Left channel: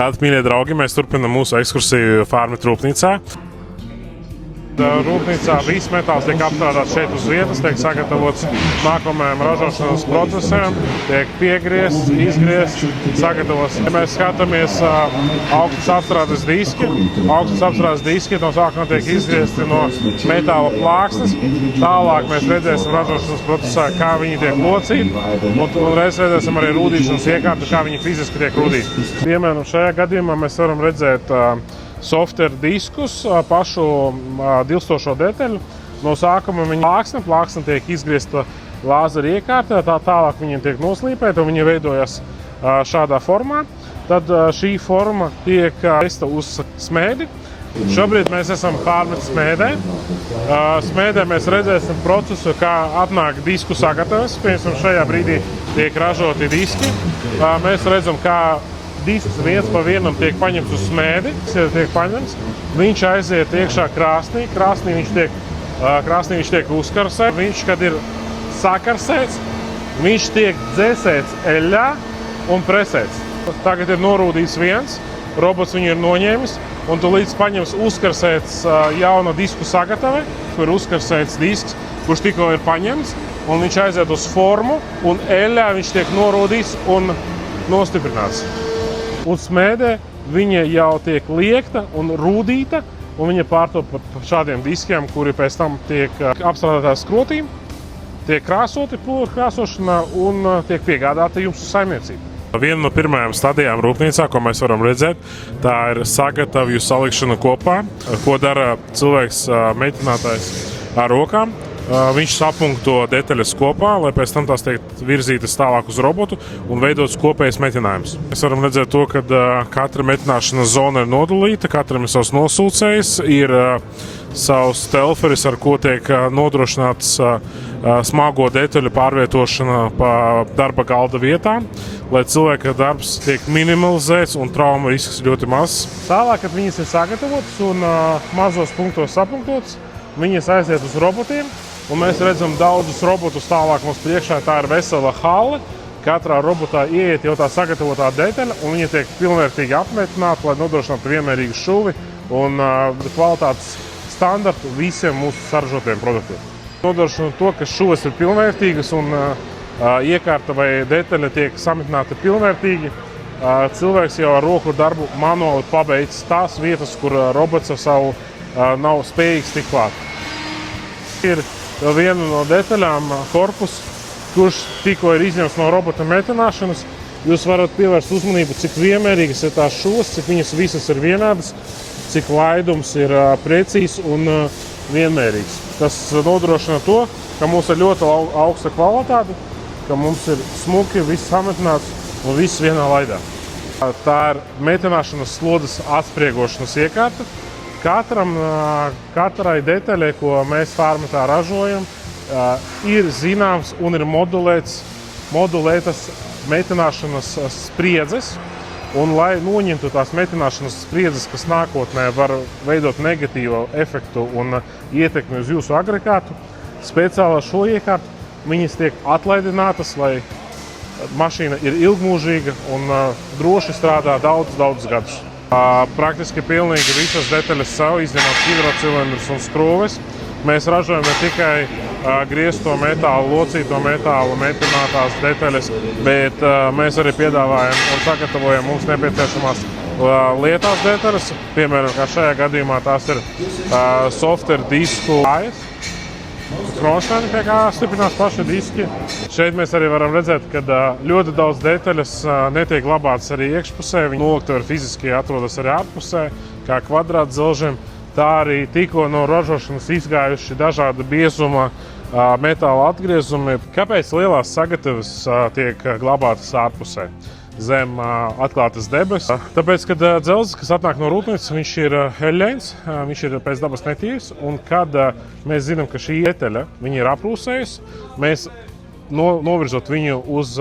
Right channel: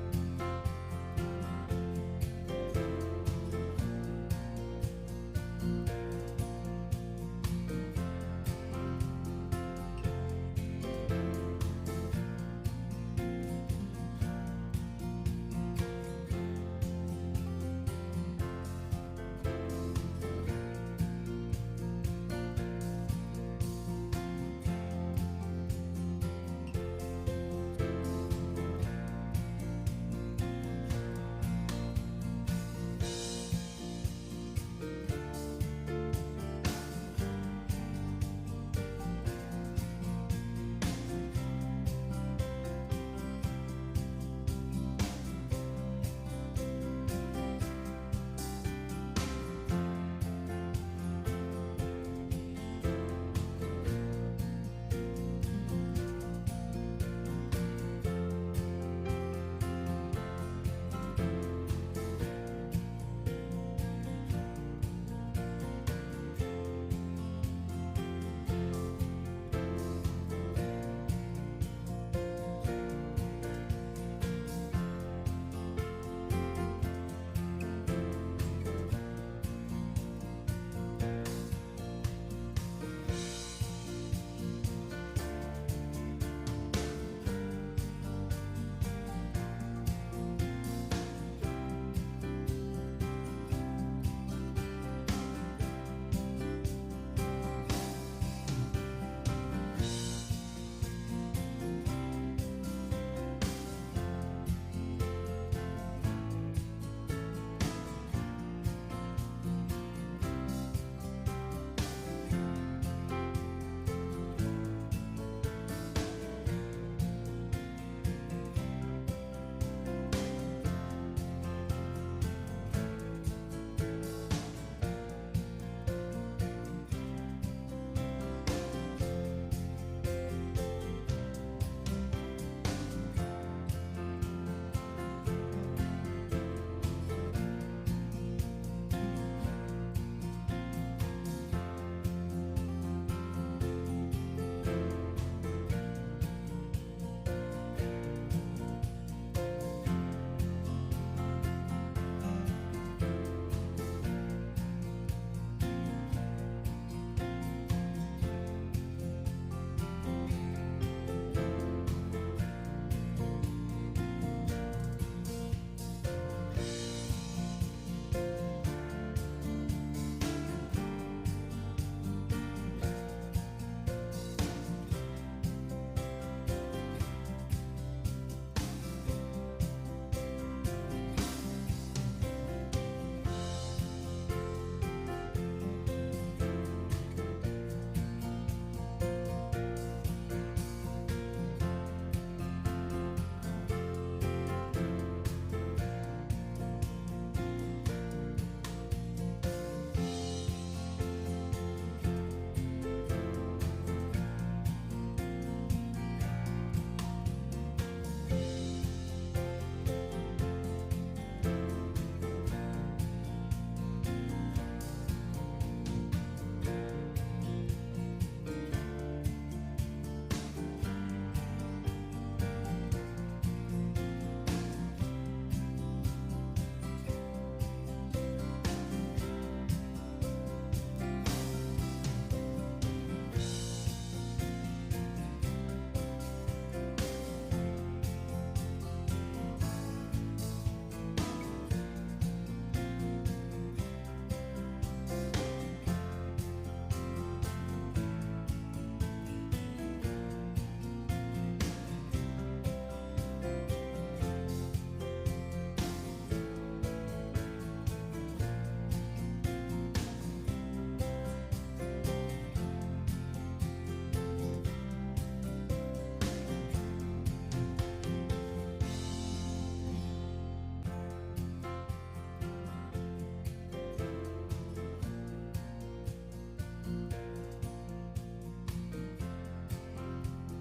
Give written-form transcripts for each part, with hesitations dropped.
Tātad, mīļie draugi, mēs turpinām mūsu ekskursiju Farmit rūpnīcā. Rūpnīcā viss metāls tiek apstrādāts šeit uz vietas, tiek sagatavots nākamajam ražošanas procesam, tiek piegriezts, izgriezts, sagatavots. Ja mēs skatāmies augstas apstrādes diski, no sākuma tiek izgriezti no metāla plāksnes, tālāk mēs redzēsim ražošanas procesā, kā viņi tiek locīti, un reiz redzēsim arī rūdīšanas iekārtu, kā viņi fiziski tiek rūdīti. Piemēram, šajā gadījumā mēs varam redzēt software diskus, pašu dilstošo detaļu. No sākuma viņa plāksne tiek izgriezta lāzera iekārtā, tālāk viņa tiek noslīpēta un viņa veidojas šādā formā. Tad šī forma tiek vesta uz smēdi. Šobrīd mēs esam Farmit smēdē. Smēdē mēs redzēsim procesu, kā atnāk disku sagatavs. Piemēram, šajā brīdī tiek ražoti diski. Mēs redzam, kā disks viens pa vienam tiek paņemts uz smēdi, viņš aiziet iekšā krāsnī, krāsnī viņš tiek uzkarsēts. Viņš, kad ir sakarsēts, viņš tiek dzēsēts eļļā un presēts. Tagad ir norūdīts viens, robots viņu ir noņēmis, un tu līdz paņems uzkarsēts jauna disku sagatave, kur ir uzkarsēts disks, kurš tikko ir paņemts, un viņš aiziet uz formu, un eļļā viņš tiek norūdīts un nostiprināts. Un smēdē viņa jau tiek liekta un rūdīta, un viņa pārtop par šādiem diskiem, kuri pēc tam tiek apstrādātās skrotīm, tiek krāsoti pulveru krāsošanā un tiek piegādāti jums uz saimniecību. Viena no pirmajām stadijām rūpnīcā, ko mēs varam redzēt, tā ir sagatavju salikšana kopā, ko dara cilvēks meitinātājs ar rokām. Viņš sapunkto detaļas kopā, lai pēc tam tās tiek virzītas tālāk uz robotu un veidots kopējs metinājums. Mēs varam redzēt to, ka katra metināšanas zona ir nodalīta, katram ir savs nosūcējs, ir savs telferis, ar ko tiek nodrošināts smago detaļu pārvietošana pa darba galda vietām, lai cilvēka darbs tiek minimalizēts un trauma risks ļoti mazs. Tālāk, kad viņas ir sagatavotas un mazos punktos sapunktotas, viņas aiziet uz robotiem. Un mēs redzam daudzus robotus tālāk mums priekšā. Tā ir vesela hale. Katrā robotā ieiet jau tā sagatavotā detaļa, un viņa tiek pilnvērtīgi apmetināta, lai nodrošinātu vienmērīgu šuvi un kvalitātes standartu visiem mūsu saražotiem produktiem. Nodrošinot to, ka šuves ir pilnvērtīgas un iekārta vai detaļa tiek samitināta pilnvērtīgi, cilvēks jau ar roku darbu manuāli pabeidz tās vietas, kur robots ar savu nav spējīgs tikt klāt. Ir vēl viena no detaļām, korpus, kurš tikko ir izņemts no robota metināšanas. Jūs varat pievērst uzmanību, cik vienmērīgas ir tās šūs, cik viņas visas ir vienādas, cik laidums ir precīzs un vienmērīgs. Tas nodrošina to, ka mums ir ļoti augsta kvalitāte, ka mums ir smuki, viss sametināts un viss vienā laidā. Tā ir metināšanas slodes atspriegošanas iekārta. Katrai detaļai, ko mēs Farmitā ražojam, ir zināms un ir modulētas metināšanas spriedzes. Un, lai noņemtu tās metināšanas spriedzes, kas nākotnē var veidot negatīvu efektu un ietekmi uz jūsu agregātu, speciāli ar šo iekārtu viņas tiek atlaidinātas, lai mašīna ir ilgmūžīga un droši strādā daudzus gadus. Praktiski pilnīgi visas detaļas savu, izņemot hidrocilindrus un skrūves. Mēs ražojam ne tikai griezto metālu, locīto metālu, metinātās detaļas, bet mēs arī piedāvājam un sagatavojam mums nepieciešamās lietās detaļas. Piemēram, kā šajā gadījumā tās ir software disku kājas, kronšteini, pie kā stiprinās paši diski. Šeit mēs arī varam redzēt, ka ļoti daudz detaļas netiek glabātas arī iekšpusē. Viņi noliktaveri fiziski atrodas arī ārpusē, kā kvadrāta dzelžiem. Tā arī tikko no ražošanas izgājuši dažāda biezuma metāla atgriezumi. Kāpēc lielās sagatavas tiek glabātas ārpusē zem atklātas debesis? Tāpēc, kad dzelzs, kas atnāk no rūpnīcas, viņš ir eļļains, viņš ir pēc dabas netīrs, un kad mēs zinām, ka šī detaļa viņa ir aprūsējusi, mēs novirzot viņu uz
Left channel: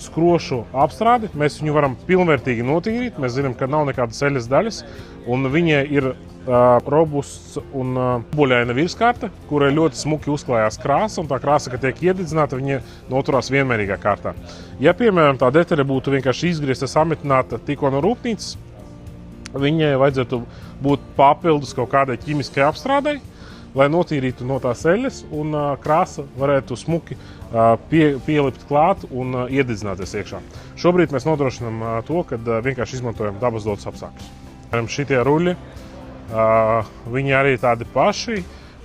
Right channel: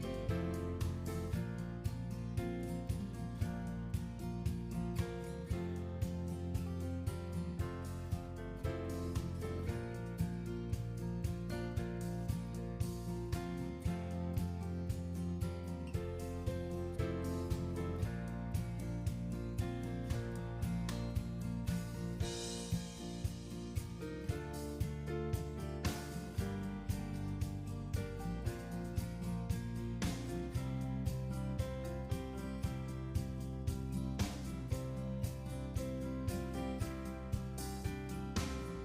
skrošu apstrādi. Mēs viņu varam pilnvērtīgi notīrīt. Mēs zinām, ka nav nekādas ceļas daļas, un viņai ir robusts un buļaina virskarte, kurai ļoti smuki uzklājās krāsa, un tā krāsa, kad tiek iededzināta, viņa noturās vienmērīgā kārtā. Ja, piemēram, tā detaļa būtu vienkārši izgriezta, sametināta tikko no rūpnīcas, viņai vajadzētu būt papildus kaut kādai ķīmiskai apstrādei, lai notīrītu no tās eļļas, un krāsa varētu smuki pielikt klāt un iededzināties iekšā. Šobrīd mēs nodrošinām to, ka vienkārši izmantojam dabas dotus apstākļus. Šitie ruļi, viņi arī tādi paši.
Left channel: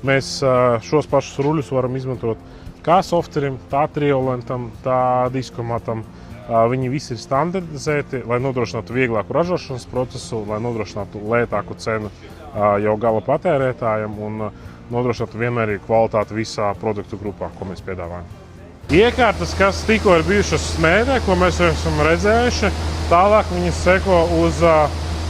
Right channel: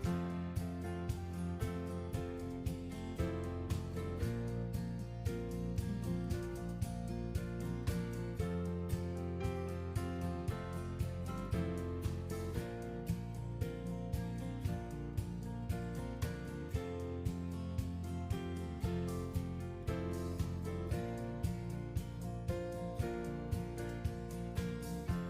Mēs šos pašus ruļus varam izmantot kā softerim, tā triolentam, tā diskomatam. Viņi visi ir standardizēti, lai nodrošinātu vieglāku ražošanas procesu, lai nodrošinātu lētāku cenu jau gala patērētājiem un nodrošinātu vienmērīgu kvalitāti visā produktu grupā, ko mēs piedāvājam. Iekārtas, kas tikko ir bijušas smēdē, ko mēs jau esam redzējuši, tālāk viņas seko uz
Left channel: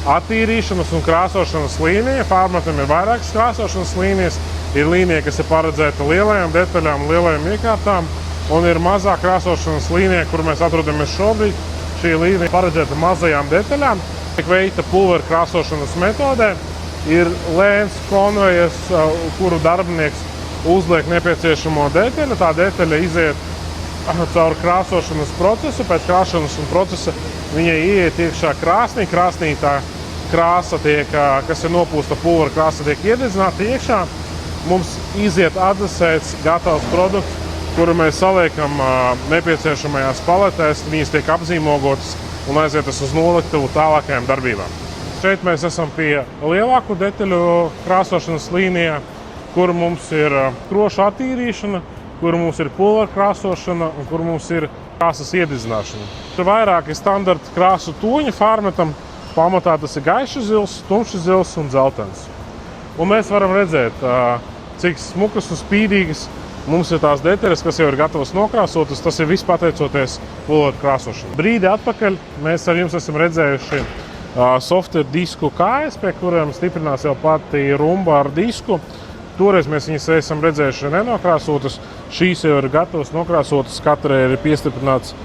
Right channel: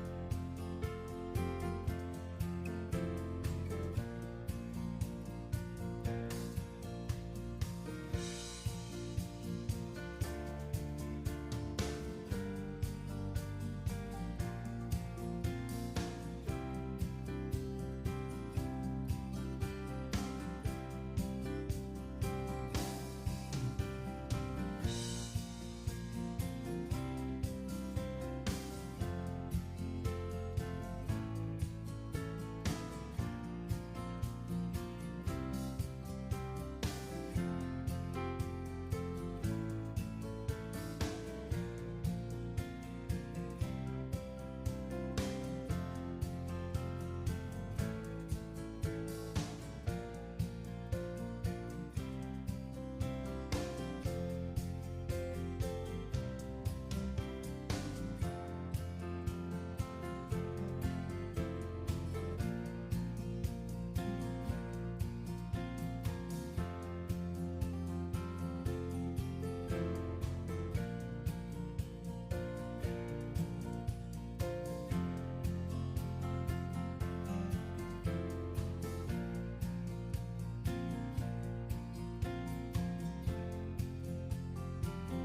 attīrīšanas un krāsošanas līniju. Fārmatam ir vairākas krāsošanas līnijas. Ir līnija, kas ir paredzēta lielajām detaļām, lielajām iekārtām, un ir mazā krāsošanas līnija, kur mēs atrodamies šobrīd. Šī līnija ir paredzēta mazajām detaļām. Tiek veikta pulveru krāsošanas metodē. Ir lēns konvejers, kuru darbinieks uzliek nepieciešamo detaļu. Tā detaļa iziet caur krāsošanas procesu. Pēc krāsošanas procesa viņai ieiet iekšā krāsnī. Krāsnī tā krāsa, kas ir nopūsta pulvera krāsa, tiek iededzināta iekšā. Mums iziet atdzesēts gatavs produkts, kuru mēs saliekam nepieciešamajās paletēs. Viņas tiek apzīmogotas un aizietas uz noliktuvu tālākajām darbībām. Šeit mēs esam pie lielāku detaļu krāsošanas līnijā, kur mums ir krošu attīrīšana, kur mums ir pulvera krāsošana un kur mums ir krāsas iededzināšana. Ir vairāki standarta krāsu toņi Fārmetam. Pamatā tas ir gaišs zils, tumšs zils un dzeltens. Un mēs varam redzēt, cik smukas un spīdīgas mums ir tās detaļas, kas jau ir gatavas nokrāsotas. Tas ir viss pateicoties pulvera krāsošanai. Brīdi atpakaļ mēs ar jums esam redzējuši software disku kājas, pie kuriem stiprinās jau pati rumba ar disku. Toreiz mēs viņas esam redzējuši nenokrāsotas. Šīs jau ir gatavas nokrāsotas, katrai ir piestiprināts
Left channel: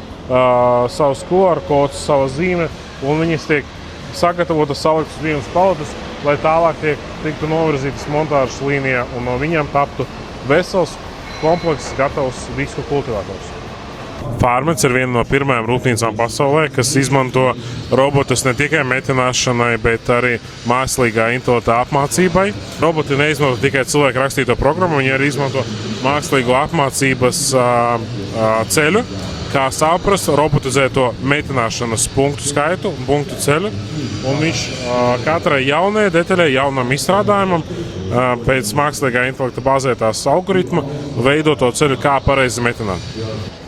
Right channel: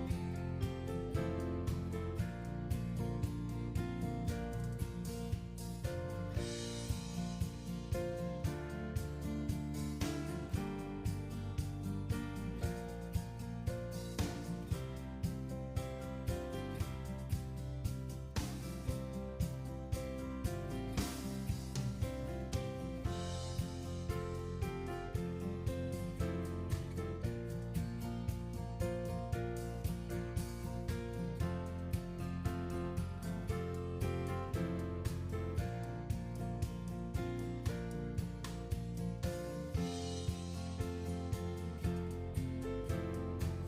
savs QR kods, sava zīme, un viņas tiek sagatavotas, saliktas vienas paletes, lai tālāk tiktu novirzītas montāžas līnijā, un no viņiem taptu vesels, komplekss, gatavs disku kultivators. Fārmets ir viena no pirmajām rūpnīcām pasaulē, kas izmanto robotus ne tikai metināšanai, bet arī mākslīgā intelekta apmācībai. Roboti neizmanto tikai cilvēku rakstīto programmu, viņi arī izmanto mākslīgo apmācības ceļu, kā saprast robotizēto metināšanas punktu skaitu un punktu ceļu. Un viņš katrai jaunajai detaļai, jaunam izstrādājumam pēc mākslīgā intelekta bāzētās algoritma veido to ceļu, kā pareizi metināt.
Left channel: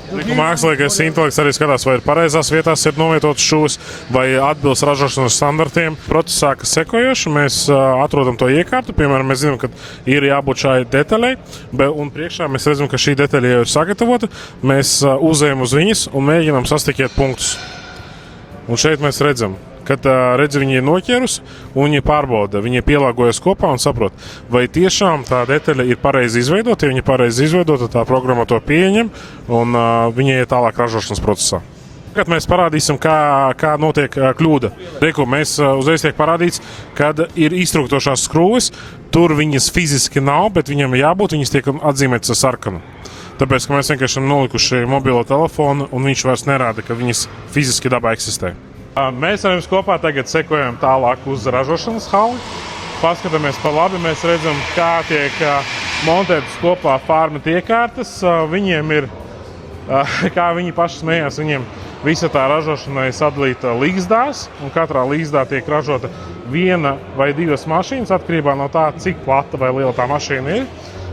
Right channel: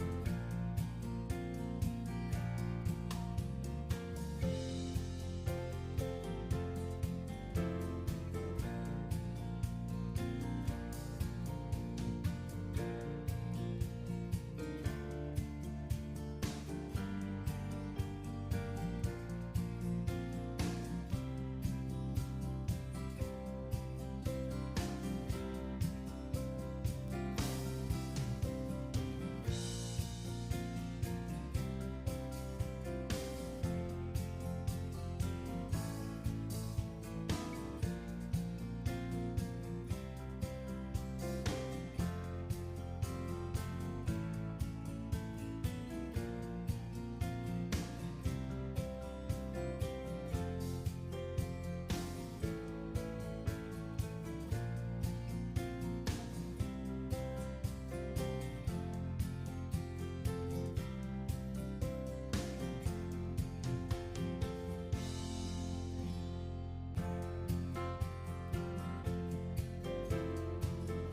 Mākslīgais intelekts arī skatās, vai ir pareizās vietās ir novietotas šūvis, vai atbilst ražošanas standartiem. Procesā, kas sekojoši, mēs atrodam to iekārtu. Piemēram, mēs zinām, ka ir jābūt šai detaļai, un priekšā mēs redzam, ka šī detaļa jau ir sagatavota. Mēs uzējam uz viņas un mēģinām sastikiet punktus. Un šeit mēs redzam, kad viņi ir noķērusi un viņi pārbauda, viņi pielāgojas kopā un saprot, vai tiešām tā detaļa ir pareizi izveidota. Ja viņa ir pareizi izveidota, tā programma to pieņem un viņa iet tālāk ražošanas procesā. Kad mēs parādīsim, kā notiek kļūda. Mēs uzreiz tiek parādīts, kad ir iztrūkstošās skrūves, tur viņas fiziski nav, bet viņam jābūt, viņas tiek atzīmētas ar sarkanu. Tāpēc, ka mēs vienkārši esam nolikuši mobilo telefonu un viņš vairs nerāda, ka viņas fiziski dabā eksistē. Mēs ar jums kopā tagad sekojam tālāk uz ražošanas hali. Paskatāmies pa labi, mēs redzam, kā tiek montētas kopā Fārmeta iekārtas. Viņiem ir, kā viņi paši smējās, viņiem visa tā ražošana ir sadalīta līgzdās, un katrā līgzdā tiek ražota viena vai divas mašīnas, atkarībā no tā, cik plata vai liela tā mašīna ir.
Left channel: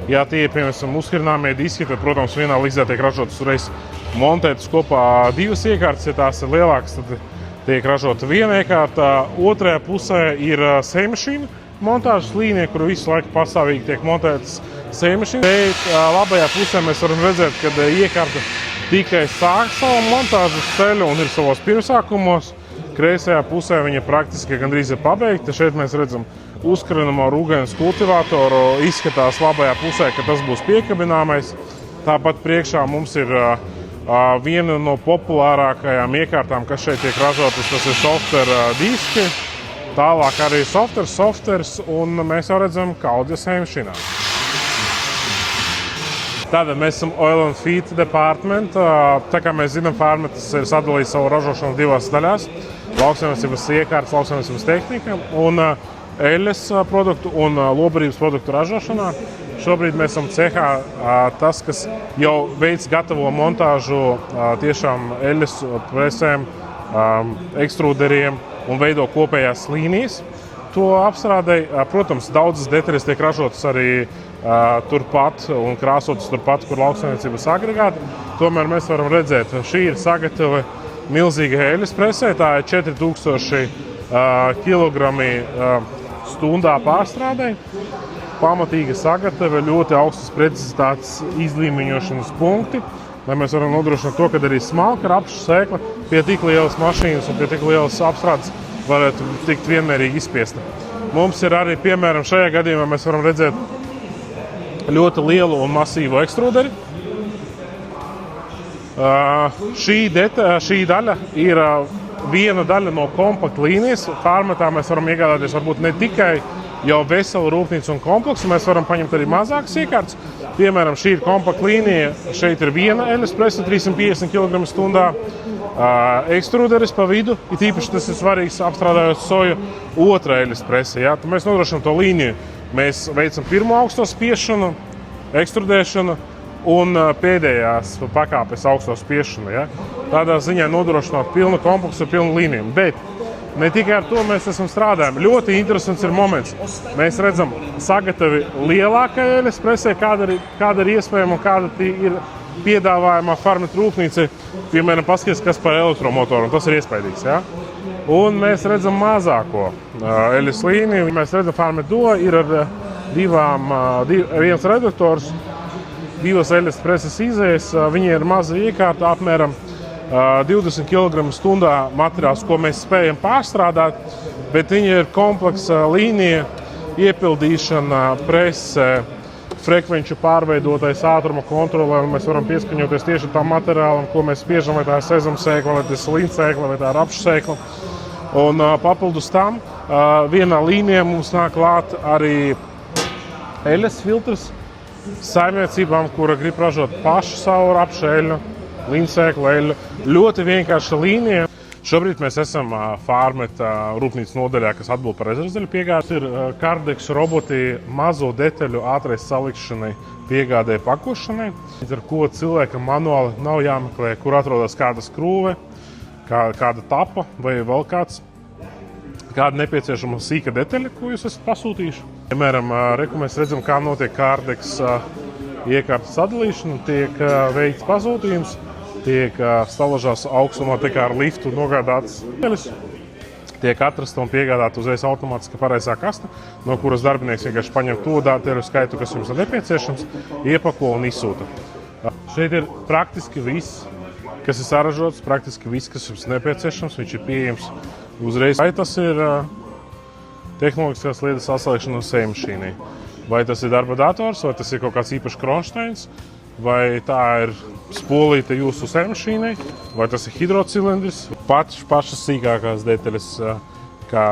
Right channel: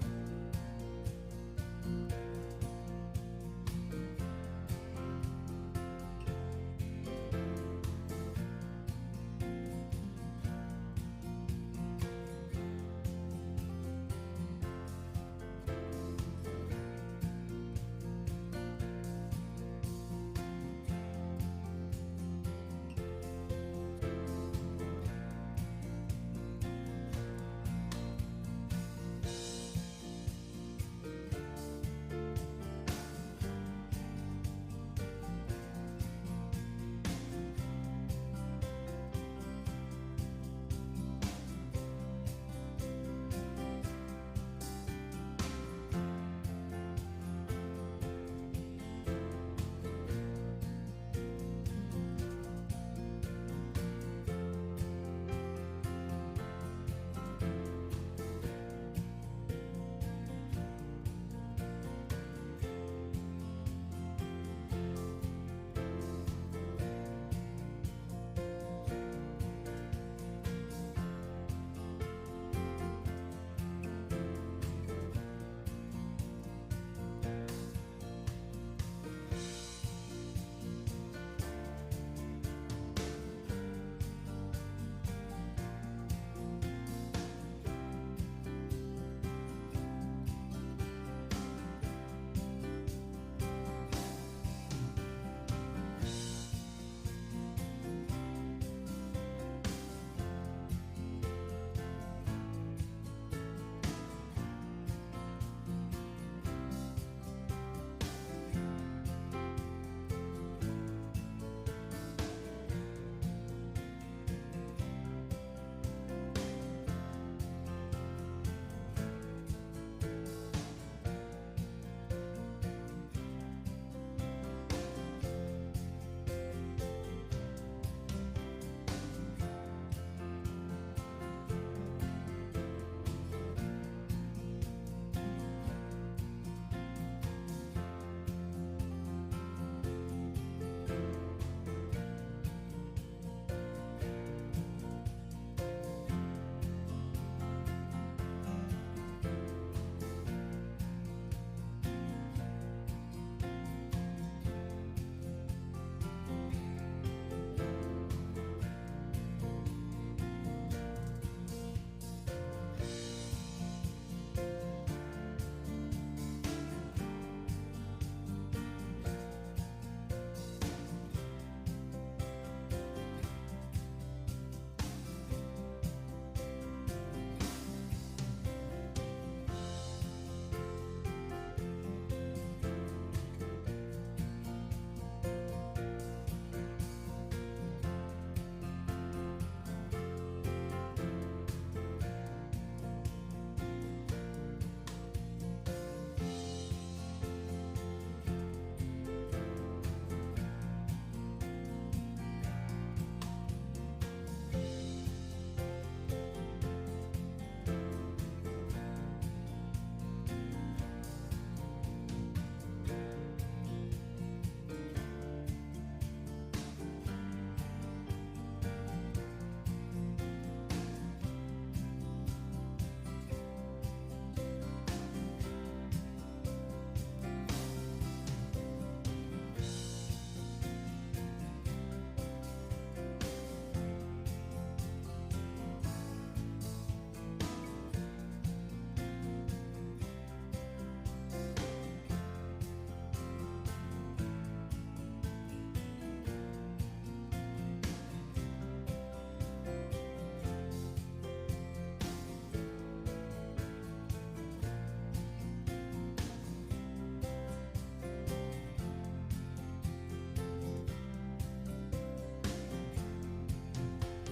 Ja tie ir, piemēram, uzkurināmie diski, tad, protams, vienā līgzdā tiek ražotas uzreiz montētas kopā divas iekārtas. Ja tās ir lielākas, tad tiek ražota viena iekārta. Otrajā pusē ir sejmašīna montāžas līnija, kur visu laiku pastāvīgi tiek montētas sejmašīnas. Šeit labajā pusē mēs varam redzēt, ka iekārta tikai sāk savu montāžas ceļu un ir savos pirmsākumos. Kreisajā pusē viņa praktiski gandrīz ir pabeigta. Šeit mēs redzam uzkarinamo rūgainas kultivatoru. Izskatās labajā pusē, ka tas būs piekabināmais. Tāpat priekšā mums ir Viena no populārākajām iekārtām, kas šeit tiek ražotas, tas ir software diski. Tālāk arī softwares, un mēs jau redzam kaudzes sēmšanā. Tātad mēs esam Oil and Feed Department. Tā kā mēs zinām, Farmetas ir sadalījis savu ražošanu divās daļās. Lauksaimniecības iekārtas, lauksaimniecības tehnika un eļļas produktu un lobarības produktu ražošanā. Šobrīd mēs esam cehā tas, kas jau veids gatavo montāžu tiešām eļļas presēm, ekstrūderiem un veido kopējās līnijas. To apstrādei, protams, daudzas detaļas tiek ražotas arī turpat un krāsotas turpat, kur lauksaimniecības agregāti. Tomēr mēs varam redzēt, šī ir sagatava milzīga eļļas presē, tā ir 4000 kilogrami stundā pārstrādei. Pamatīga sagatava, ļoti augstas precizitātes izlīmeņošanas punkti, lai mēs varam nodrošināt to, ka arī smalka rapšu sēkla pie tik lielas mašīnas un pie tik lielas apstrādes varētu tikt vienmērīgi izspiesta. Mums ir arī, piemēram, šajā gadījumā mēs varam redzēt ļoti lielu un masīvu ekstrūderi. Šī daļa ir viena daļa no kompakta līnijas. Farmetā mēs varam iegādāties varbūt ne tikai jau veselu rūpnīcu un kompleksu, mēs varam paņemt arī mazākas iekārtas. Piemēram, šī ir kompakta līnija, šeit ir viena eļļas prese, 350 kg stundā, ekstrūderis pa vidu, it īpaši tas ir svarīgs apstrādājot soju, otra eļļas prese. Ja? Tad mēs nodrošinām to līniju. Mēs veicam pirmo augsto spiešanu, ekstrudēšanu un pēdējās pakāpes augsto spiešanu. Ja? Tādā ziņā nodrošināt pilnu kompleksu, pilnu līniju. Bet ne tikai ar to mēs esam strādājami. Ļoti interesants ir moments. Mēs redzam sagatavi lielākai eļļas presē, kāda ir iespējama un kāda ir piedāvājumā Farmeta rūpnīca. Piemēram, paskaties, kas par elektromotoru, un tas ir iespaidīgs. Ja? Un mēs redzam mazāko eļļas līniju. Mēs redzam, Farmeta Duo ir ar viens redaktors, divas eļļas preses izējas. Viņi ir maza iekārta, apmēram 20 kg stundā materiāls, ko mēs spējam pārstrādāt, bet viņi ir kompleksa līnija, iepildīšana, prese, frekvenču pārveidotais ātruma kontrolē, un mēs varam pieskaņoties tieši tam materiālam, ko mēs spiežam, vai tā ir sezamsēkla, vai tas ir līnsēkla, vai tā ir rapšsēkla. Un papildus tam vienā līnijā mums nāk klāt arī eļļas filtrs saimniecībām, kura grib ražot pašu savu rapšu eļļu, līnsēklu eļļu. Ļoti vienkārša līnija. Šobrīd mēs esam Farmeta rūpnīcas nodaļā, kas atbild par rezervdeļu piegādi. Ir Kardex roboti mazo detaļu ātrai salikšanai, piegādē pakošanai, ar ko cilvēkam manuāli nav jāmeklē, kur atrodas kāda skrūve, kāda tapa vai vēl kāda nepieciešama sīka detaļa, ko jūs esat pasūtījuši. Piemēram, mēs redzam, kā notiek Kardex iekārtas sadalīšana, tiek veikts pasūtījums, tiek stalažās augstumā tikai ar liftu nogādātas detaļas, tiek atrasta un piegādāta uzreiz automātiski pareizā kasta, no kuras darbinieks vienkārši paņem to detaļu skaitu, kas jums ir nepieciešams, iepako un izsūta. Šeit ir praktiski viss, kas ir saražots, praktiski viss, kas jums nepieciešams, viņš ir pieejams uzreiz. Vai tas ir tehnoloģiskās lietas saslēgšana uz sējmašīnai, vai tas ir darba dators, vai tas ir kaut kāds īpašs kronšteins, vai tā ir spolīte jūsu sējmašīnai, vai tas ir hidrocilindris. Pašas sīkākās detaļas, kā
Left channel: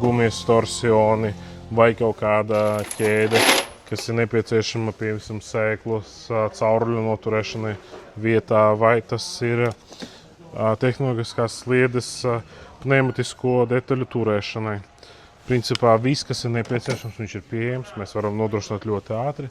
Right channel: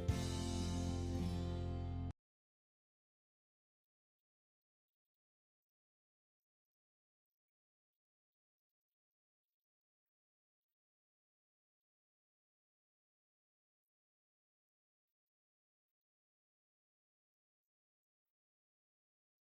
gumijas torsioni vai kaut kāda ķēde, kas ir nepieciešama, piemēram, sēklas cauruļu noturēšanai vietā, vai tas ir tehnoloģiskās sliedes pneumatisko detaļu turēšanai. Principā viss, kas ir nepieciešams, viņš ir pieejams, mēs varam nodrošināt ļoti ātri.